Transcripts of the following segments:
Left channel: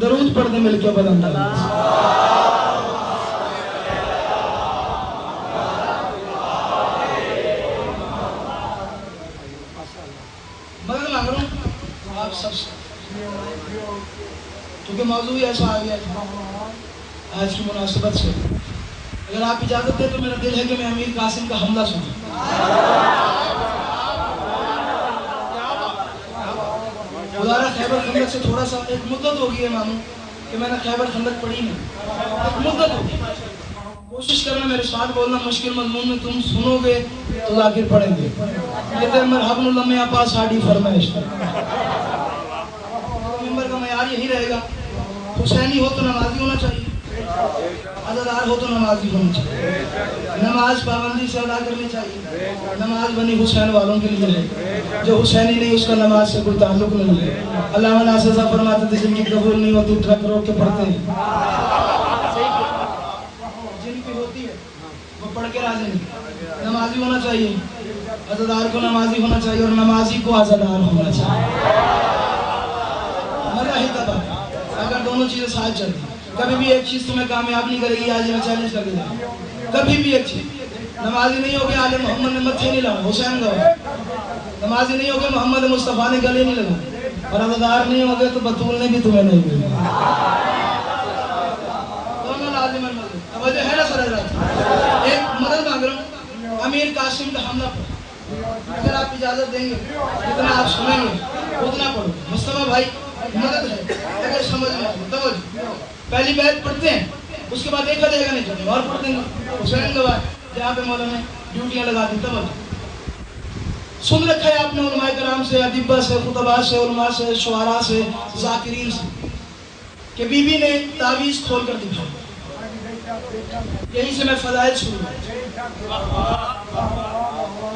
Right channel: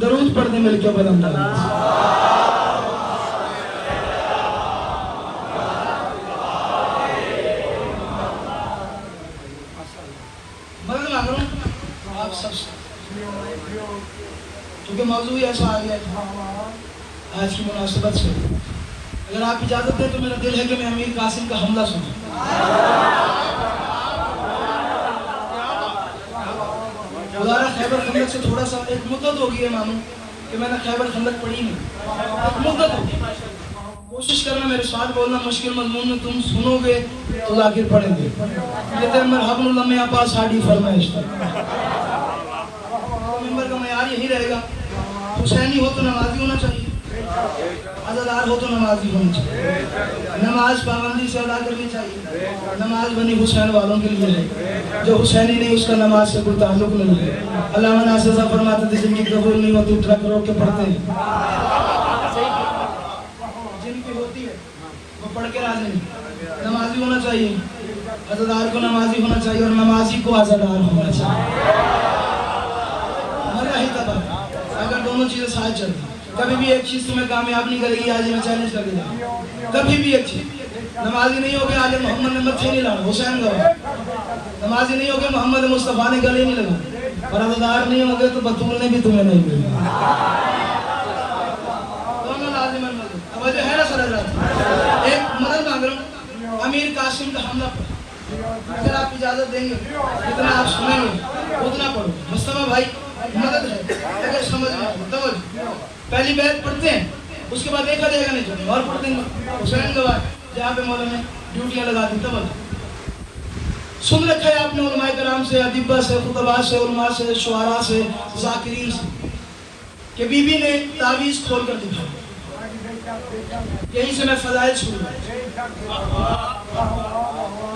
درود پڑھنے مل کے بلند آپ سب سے کیونکہ موضوع ایسا آ گیا آج کی مناسبت سے، اگر آپ اجازت دیں تو میرا دل ہے کہ میں امیر قاسم کا حملہ سنوں۔ خدا را خیبر خندق سے تھوڑا سا ایک مدت ہو گئی ہے ماموں کہ میں نے خیبر خندق پڑھی نہیں، ایک مدت ہو گئی۔ کوشش کرنا میرے ساتھ بولنا، مشکل مضمون میں تم سنو گے تو ذاکر پڑھیں گے، لیکن میں حبل اللہ میں آپ ساڑھی فرمائش ممبر کا معیار یہی رہے گا، حسینی ہو تو نمازی ہونا چاہیے، عزادار ہو تو نمازی ہونا چاہیے، نماز پابندی سے ادا کرنی چاہیے۔ نماز بنی حسین والوں کے لیے ہے، جو حسینی نہیں اس کا نماز سے کوئی تعلق نہیں ہے۔ علامہ ناصر صاحب فرماتے تھے جن کی قبول نہیں ہوتی ٹرک روک کے پڑھتے ہیں، جن کی ہوتی ہے وہ پڑھ کے راضی نہیں۔ نمازی ہونا چاہیے، عزادار کو نمازی ہونا چاہیے اور نمازی کو عزادار ہونا چاہیے۔ مرا ہی تھا اگر دونوں چیزیں ساتھ چلتی، کبھی بھی ایک چیز تمہیں کامیاب نہیں کرے گی، آج میں چیلنج کر دیا، کبھی بھی ایک چیز نمازی نہیں ہوگی آل محمد نے مچھی نہیں لانا، حسین گوا، نمازی نہیں ہوگی محمد مصطفیٰ نے گلے نہیں لگا، اور عزادار نہیں ہوگے تو بطول نے بھی تمہیں نہیں ملا۔ دونوں لازم المرد، توجہ ہے نا سر؟ ایک مدد مانگ رہا ہوں امیر قاسم کا حملہ پر، اگر آپ اجازت دیں گے اتنا آپ سنیں گے اتنا پڑھو۔ مصطفیٰ بھائی مدد ہے اگر سمجھ میں توجہ، پہلی بیعت پڑھتے ہیں اس کے بعد ایک جگہ نہیں چاہیے اور پڑھ دیں گے حسین گواہ جہاں پہ مولا نے ڈیوٹیاں لگا دی۔ توجہ سن رکھا ہے آپ نے علماء کرام سے، ادیبہ سے، خطباء سے، علماء سے، شعراء سے، ذاکرین سے کہ بی بی نے تعویذ کھول کر دکھایا۔ یہیں سے میں فضائل شروع ہوں،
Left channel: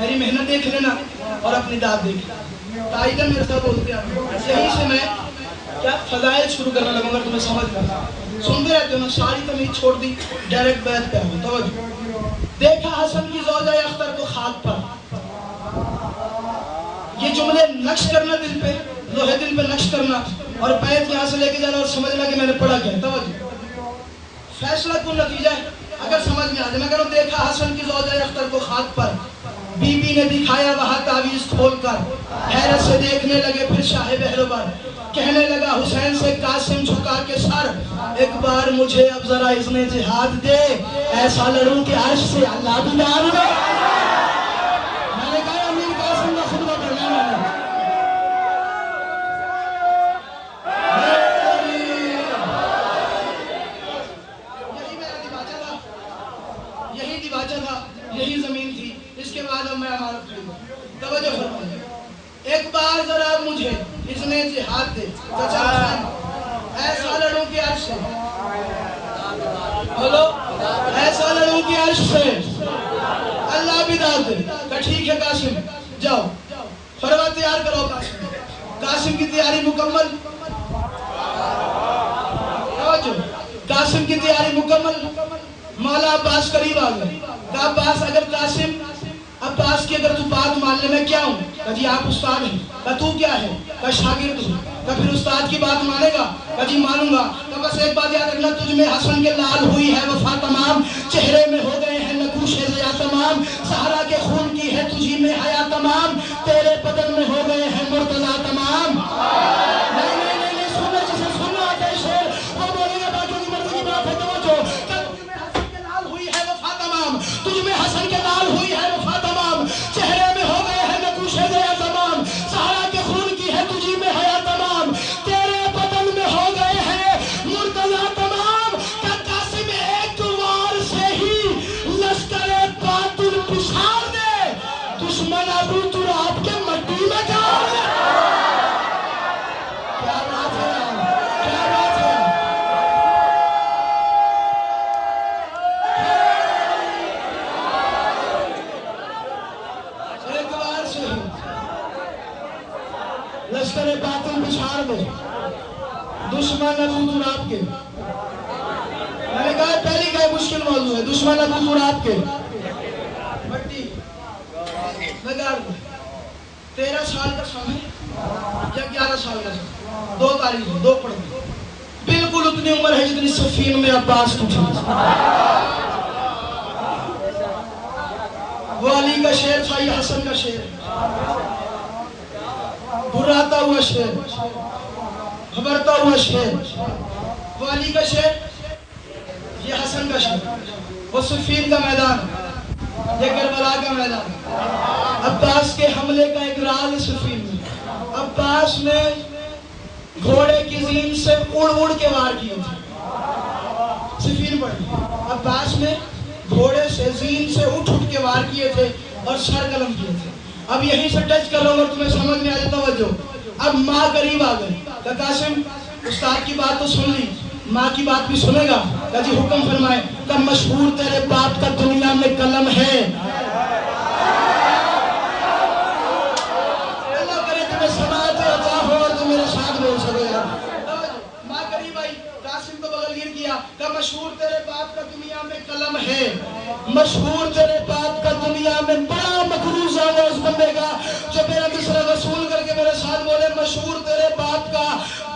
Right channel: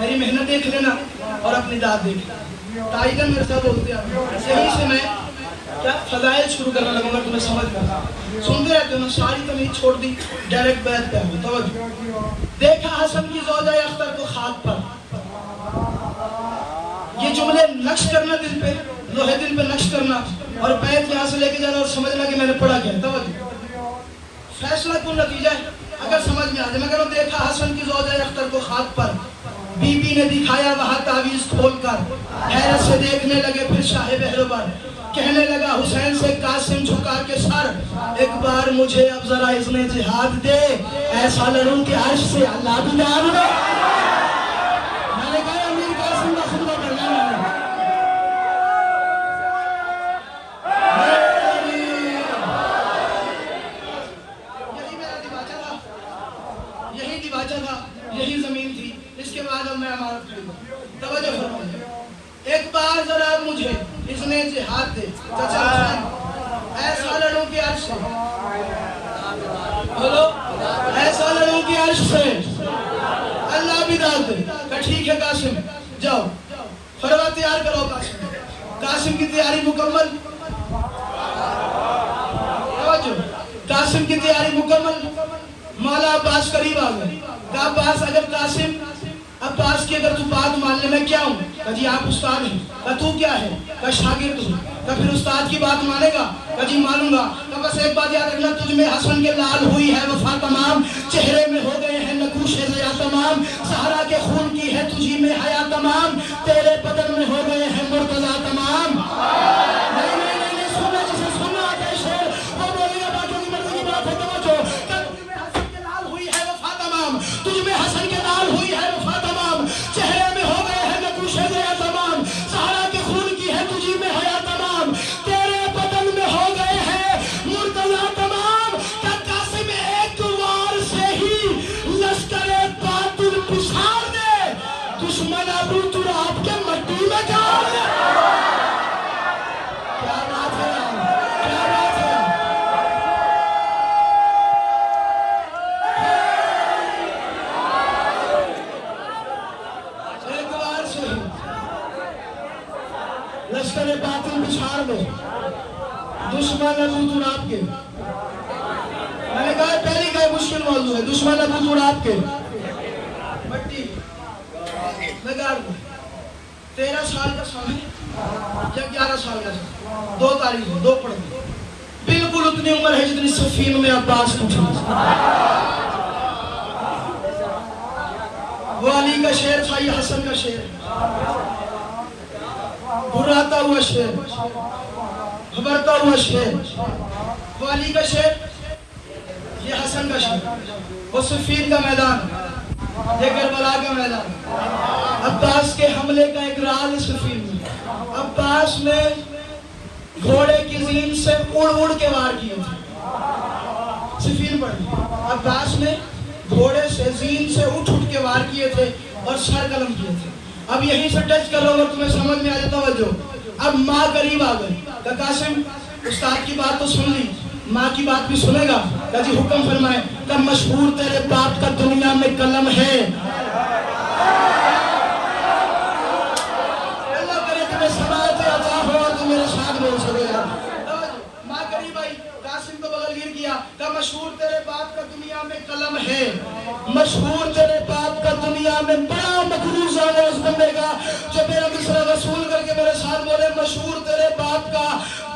میری محنت دیکھ لینا اور اپنی داد دیکھ لینا، ٹائٹل میرے ساتھ بولتے ہیں، یہیں سے میں کیا فضائل شروع کرنے لگوں گا تمہیں سمجھ میں سنتے رہتے ہو۔ میں ساری تمیز چھوڑ دی، ڈائریکٹ بیعت پہ ہوں۔ توجہ دیکھا حسن کی زوجہ اختر کو خاک پر، یہ جملے نقش کرنا دل پہ، لوہے دل پہ نقش کرنا، اور بیعت یہاں سے لے کے جانا اور سمجھنا کہ میں نے پڑھا کیا۔ توجہ فیصلہ کن نتیجہ ہے اگر سمجھ میں آ جائے۔ میں کہوں دیکھا حسن کی زوجہ اختر کو خاک پر، بی بی نے دکھایا وہاں تعویذ کھول کر، حیرت سے دیکھنے لگے پھر شاہ بہروبر، کہنے لگا حسین سے قاسم جھکا کے سر، ایک بار مجھے اب ذرا اذن جہاد دے، ایسا لڑوں کہ عرش سے اللہ بھی جان دے۔ میں نے کہا امیر قاسم کا خطبہ پڑھنا ہے، یہی میرا دماغہ تھا، یہی دماغہ تھا، یہی زمین تھی، اس کے بعد اب میں عمارت خریدا۔ توجہ فرمائیے، ایک بار ذرا مجھے اذن جہاد دے، چچا حسین ایسا لڑوں کی عرش سے، بولو ایسا لڑوں کی عرش سے اللہ بھی داد دے۔ کہ ٹھیک ہے قاسم جاؤ، فروا تیار کرو۔ قاسم کی تیاری مکمل، قاسم کی تیاری مکمل، مولا عباس قریب آ گئے۔ کہا عباس اگر قاسم عباس کی اگر تو بات مان لے میں کیا ہوں؟ کہا جی آپ استاد ہیں۔ کہا تو کیا ہے؟ کہا شاگرد ہوں۔ کہا پھر استاد کی بات مانے گا؟ کہا جی مانوں گا۔ کہا بس ایک بات یاد رکھنا، تجھ میں حسن کے لال ہوئی ہے وفا تمام، چہرے میں ہو گئے ہیں نقوش ضیا تمام، زہرا کے خون کی ہے تجھی میں حیا تمام، تیرے بدن میں ہو گئے ہیں مرتضی تمام۔ نہیں سننا جسے سننا جیسے وہ بولے گا باقی کی مرضی کی بات ہے۔ توجہ کہ تجھ میں حسن کے لال ہوئی ہے وفا تمام، تجھ میں حسن کے لال ہوئی ہے وفا تمام، چہرے میں ہو گئے ہیں نقوش ضیا تمام، زہرا کے خون کی ہے تجھی میں حیا تمام، تیرے بدن میں ہو گئے ہیں مرتضی تمام۔ کہ قاسم ایک وار سے ہی لشکر باطل پچھاڑ دے، دشمن ابو تراب کے مٹی میں جاڑ دے۔ کیا بات ہے، کیا بات ہے۔ ایک وار سے ہی لشکر باطل پچھاڑ دے، دشمن ابو تراب کے۔ میں نے کہا پہلی کا مشکل موضوع ہے، دشمن ابو تراب کے مٹی میں گاڑ دے۔ 13 سال کا سمجھ یا 11 سال کا سمجھ، 2 تاریخ ہے، 2 پڑھ دی، اتنی عمر ہے جتنی سفین میں عباس تجھے. وہ علی کا شعر تھا، یہ حسن کا شعر، براتا ہوا شعر، گھبرتا ہوا شعر. وہ علی کا شعر، یہ حسن کا شعر. وہ صفین کا میدان، یہ کربلا کا میدان. عباس کے حملے کا ایک راز صفین میں. عباس نے گھوڑے کی زین سے اڑ اڑ کے وار کیے تھے. صفین پڑھ، عباس نے گھوڑے سے زین سے اٹھ اٹھ کے وار کیے تھے اور سر قلم کیے تھے. اب یہیں سے ٹچ کر رہا ہوں اور تمہیں سمجھ میں آ جاتا توجہ. اب ماں قریب آ گئی. کہ قاسم استاد کی بات تو سن لی، ماں کی بات بھی سنے گا. کہ جی حکم فرمائیں. کہ مشہور تیرے باپ کا دنیا میں قلم ہے. اللہ کرے تمہیں سماعت عطا ہو اور تم میرے ساتھ بول سکے گا. ماں قریب آئی، قاسم کو بغل گر کیا. کہ مشہور تیرے باپ کا دنیا میں قلم ہے. مشہور تیرے باپ کا دنیا میں. بڑا مقروض ہے اس بندے کا جو میرا مصرع وصول کر کے میرے ساتھ بولے مشہور تیرے باپ کا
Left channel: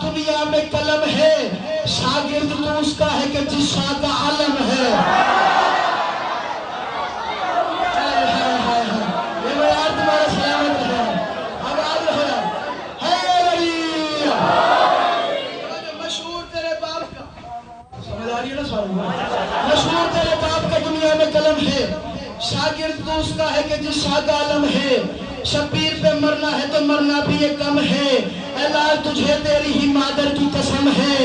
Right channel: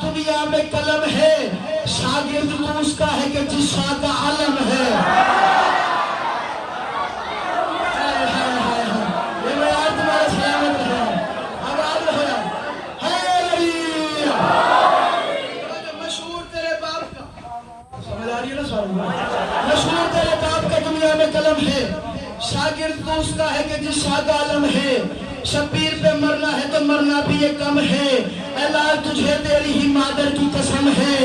دنیا میں قلم ہے. شاگرد تو اس کا ہے کہ جس شاہ کا علم ہے. یہ یار تمہارے سلامت ہے. آواز ہے مشہور تیرے باپ کا. سمجھ آ رہی ہے نا سارا؟ مشہور تیرے باپ کا دنیا میں قلم ہے. شاگرد تو اس کا ہے کہ جس شاہ کا علم ہے. شبیر پہ مرنا ہے تو مرنا بھی یہ کم ہے. اے لال تجھے تیری ہی مادر کی قسم ہے.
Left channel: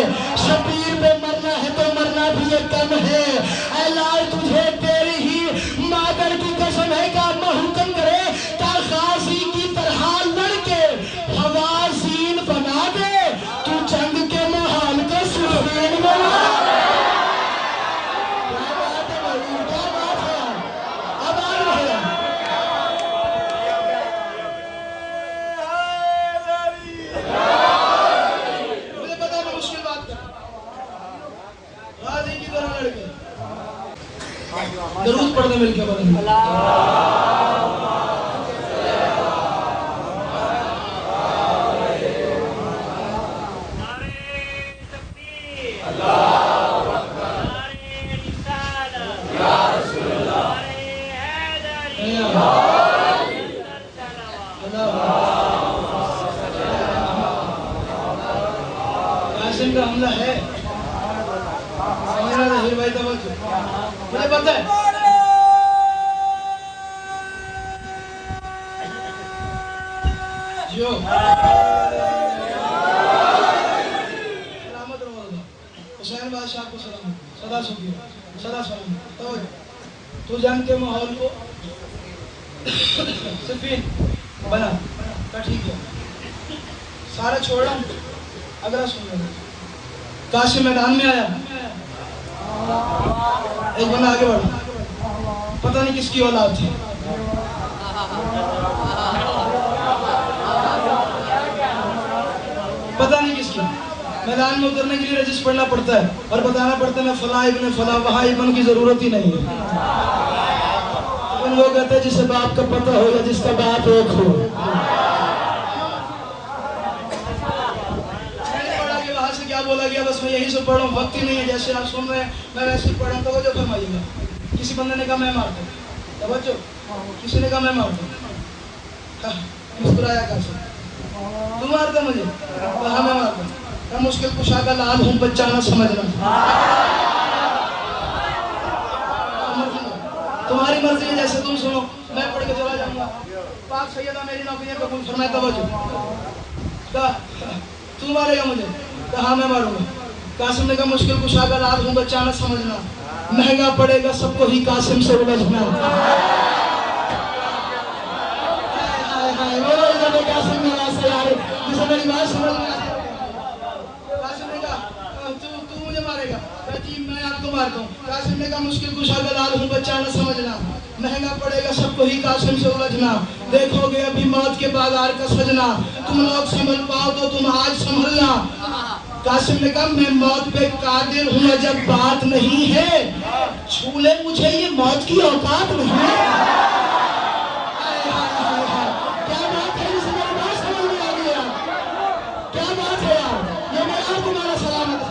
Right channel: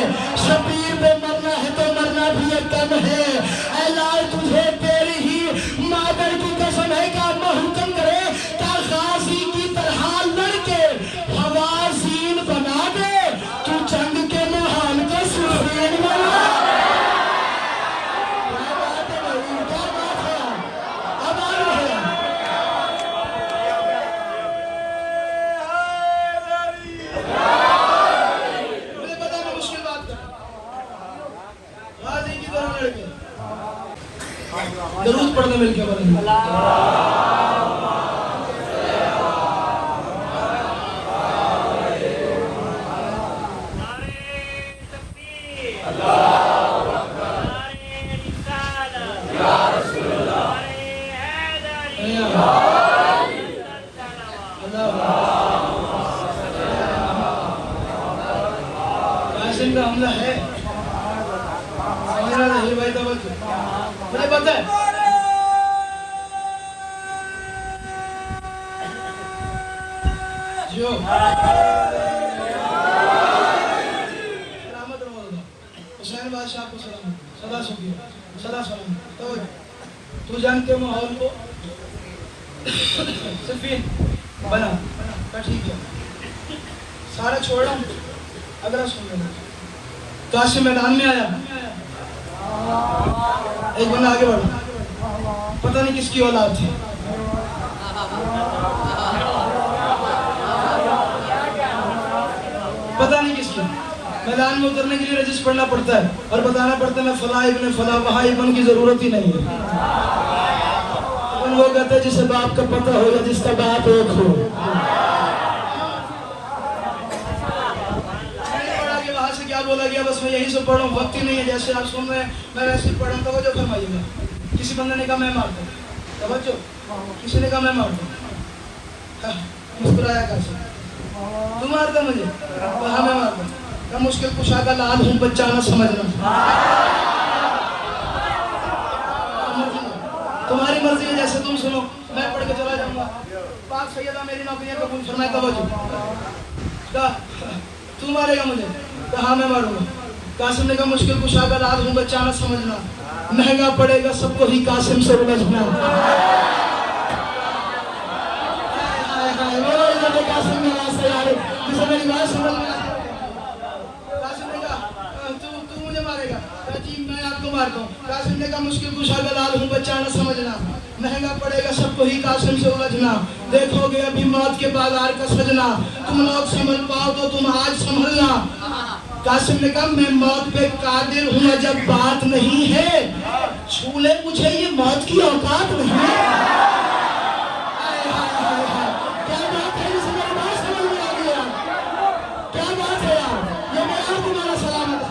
شبیر پہ مرنا ہے تو مرنا بھی یہ کم ہے. اے لال تجھے تیری ہی مادر کی قسم ہے. کہ اما حکم کرے کہ غازی کی طرح لڑ کے حوازین بنا دے. تو جنگ کے محال کو صفین بنا دے. درود پڑھنے مل کے قاسم کا حملہ ہے. سمجھ رہا تھا یہ بھائی توجہ. مجھے پتہ ہے جو سلامت رہو. حسین بادشاہ کو سلامت. صدا شکریہ. صدا سلامت. تو جنگ کے ماحول کو صفین بنا. ٹھیک ہے سارا چھوڑا ہوں. اگر سن لو قاسم میدان میں آیا. ایک بندہ آگے بڑھا. پتہ نہیں کس کی اولاد تھی. پتہ نہیں کس کی. میدان میں اترنے کے لیے رجسٹر پڑھنا پڑتا ہے اور بتانا پڑتا ہے میں فلاں ابن فلاں. وہاں ابن کی ضرورت ہی نہیں ہے. وہ کہتا ہے جسے باپ کا پتہ ہو یا جس کا باپ ایک ہو. وہاں سے کیا بولا گیا بس میں یہی سے پڑھ رہا ہوں. وقت ہی نہیں ہے. جیسے آپ سن رہے ہیں میں ویسے پڑھ رہا ہوں. توجہ فرمائیے گا. کسی بندے نے کہا میں مارتا ہوں. توجہ. کسی نے کہا میں مارتا ہوں. مسکرایا کیسے؟ تم مارتے مجھے؟ کہا میں مارتا ہوں. میں مشکل کشا کا لال ہوں بچہ نہ سمجھنا. تمہاری مرضی جیسے تم سنو. میں پڑھ کے چلا جاؤں گا. پاک سیدہ میری نوکریاں قبول فرمائے. توجہ. کہا تو مارے گا مجھے؟ کہا میں ماروں گا. قاسم نے کہا مشکل کشا کا لال ہوں بچہ نہ سمجھنا. مہنگا پڑے گا سب کو ہی قاسم سے الجھنا. قاسم نے کہا تو مجھے مارے گا؟ جی میں آپ کو مارتا ہوں. قاسم نے کہا مشکل کشا کا لال ہوں بچہ نہ سمجھنا. مہنگا پڑے گا سب کو ہی قاسم سے الجھنا. دیکھو گے ابھی موت کے بازار کا سجنا. تم لوگ سمجھ پاؤ تو تم آج سنبھلنا. قاسم نے کہا میں موت پہ قادر ہوں جب بات نہیں ہے. چھو لے مجھے یہ موت کی اوقات نہیں ہے. کیا بات ہے؟ اسے میرے بات سمجھ میں آ گیا. کیا بات ہے یار؟ یہ میں اور تمہارا سلامت ہے.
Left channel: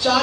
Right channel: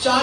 4